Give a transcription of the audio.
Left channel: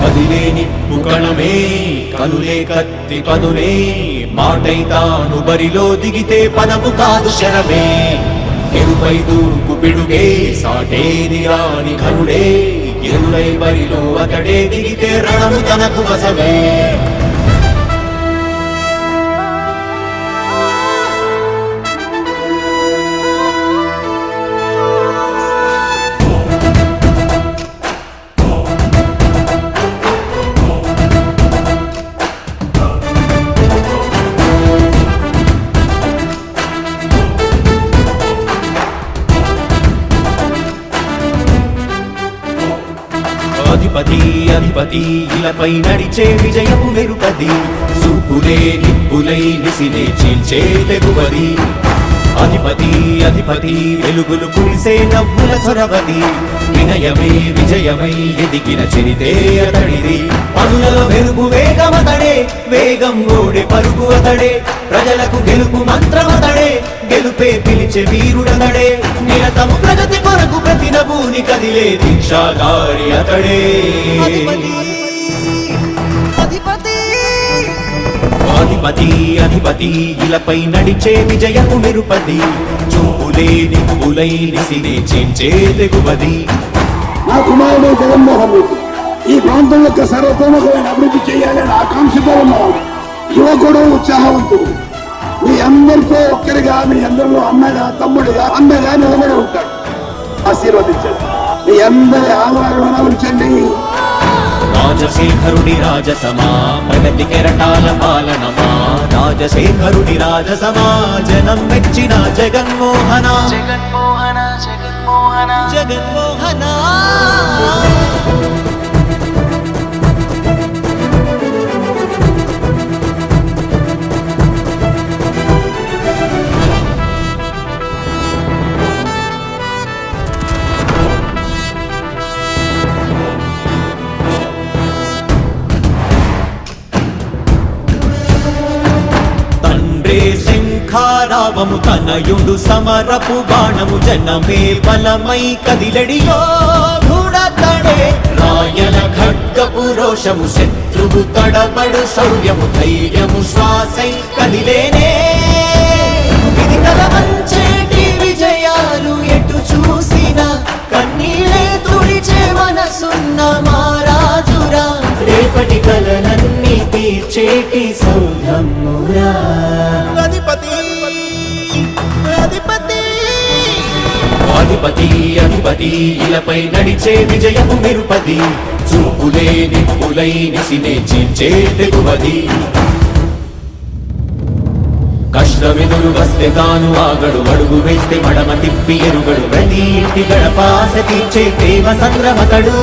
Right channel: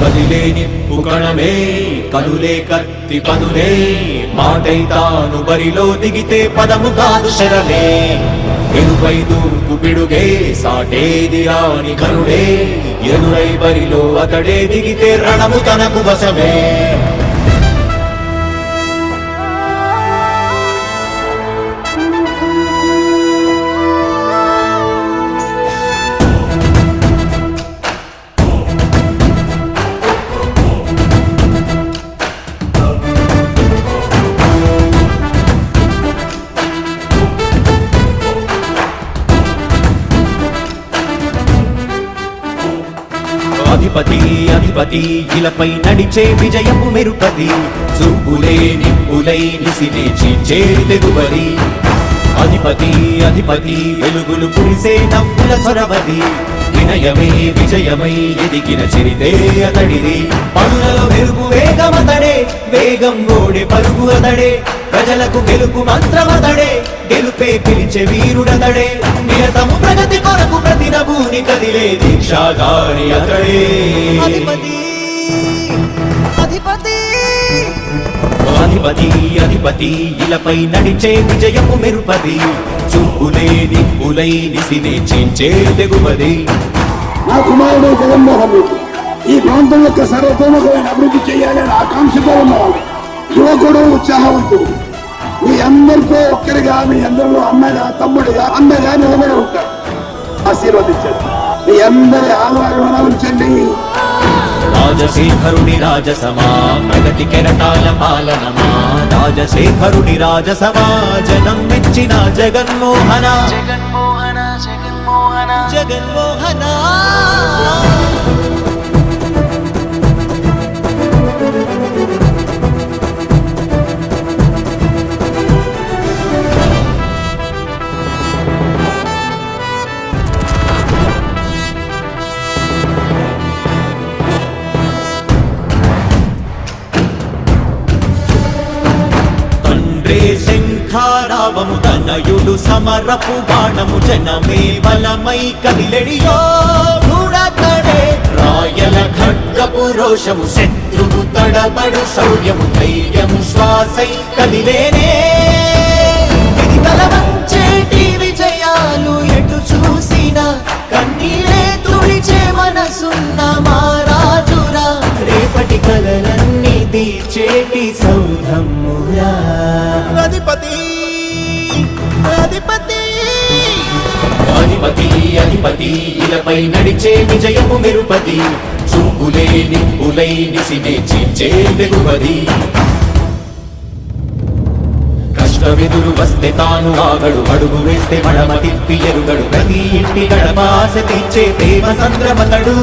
కదిలే నిప్పు కణమే కదులే కత్తి పదులే మాటై తాను బరిలో దిగితే పదము కాదు శరమే ఎరుపై దూకు పిడుగే సాటేది రాని కరుడే ఎరుడై బరిలో అతడే దిగితే రణము తనకు వశమే అధిపతి అధిపతి ఇలపై నడిచే విజయము మెరుపది చూపులే నిప్పులై నిసినే చీల్చే తెగువది అధిపతి అధిపతి వెలుగులు పులిసే నవ్వుల చొరవది వినయమై విజయమై ఎదిగిన చిరితే అతడిది పనులలో వెలుగు వేగమతడే వేగం గోడే పలుకు అతడే ప్రజలకు గెలుపు మంత్రమతడే గెలుపే పిలిచే వీరుడతడే నిరతము ప్రగతి కొరకు ప్రతి నభూని కదిలే దీక్షాగారి అతడే అధిపతి అధిపతి అధిపతి అధిపతి ఇలపై నడిచే విజయము మెరుపది చూపులే నిప్పులై నిసినే చీల్చే తెగువది నా కుమారుడు జగన్మోహన్ రెడ్డి ఈ ప్రాంతం యొక్క సర్వతోముఖమైన అభివృద్ధి చేయాలని ఆకాంక్షతో ఉన్నవాడు యువకుడు ఉత్సాహవంతుడు మీ అందరితో ఒక్కరిగా మీ అందరిలో అన్నగా తమ్ముడిగా అన్నగా నిలబడి ఉంటాడు ఆశీర్వదించండి మీ అందరి ఆహ్వానం ఉంచండి రాజశేఖరుడి రాజసమా ప్రగతి కెరటాల పాలనమా రాజశేఖరుడి రాజసమా జనం మెచ్చిన జగన్మోహన జగన్మోహన జగన్మోహన జగన్మోహన శంఖారావము తనయుడు సమరపు బాణము జనమే బలమై కదిలెడియో గూడతడే రాయల ఖడ్గపు రోషము శత్రువు తడబడు శౌర్యము ధైర్యము శ్వాసై కదిలేనే ఇది తలవంచేటి విజయాలు ఎటు చూసిన కన్నీరే తుడిచే మనసున్న మారాజురా రేపటి కలలన్నీ తీర్చేటి సౌధమురా అధిపతి అధిపతి అధిపతి అధిపతి ఇలపై నడిచే విజయము మెరుపది చూపులే నిప్పులై నిసినే చీల్చే తెగువది కష్టమెదురు వస్తే తాను ఆగడు అడుగు వేస్తే మడమ తిప్పి ఎరుగడు ప్రతి ఇంటి గడపాస తీర్చే ప్రేమ సంద్రమతడు